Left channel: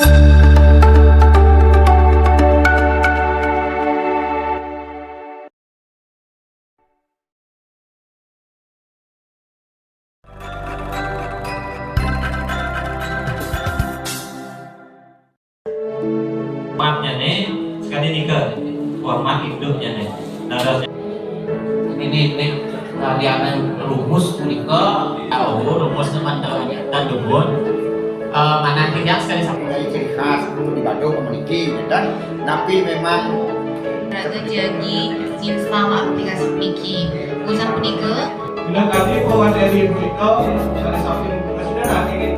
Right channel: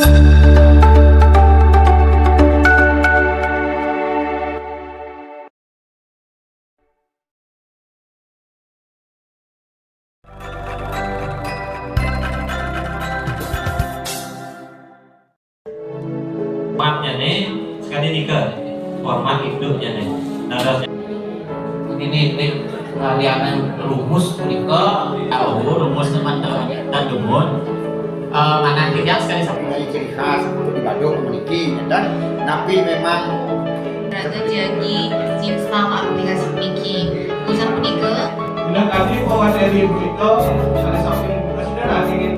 Formatnya nih sekali nikah format hidupnya nih darahnya ini kalian rumus menika tahu rumus teman-teman dan dumun mana tidak sekali Mulai ciri khas untuk di Bandung memiliki dan napi memang Raga jadi install aplikasi Miki usaha menikah. Bila kami bawa dari berita, salah satu yang sudah nanti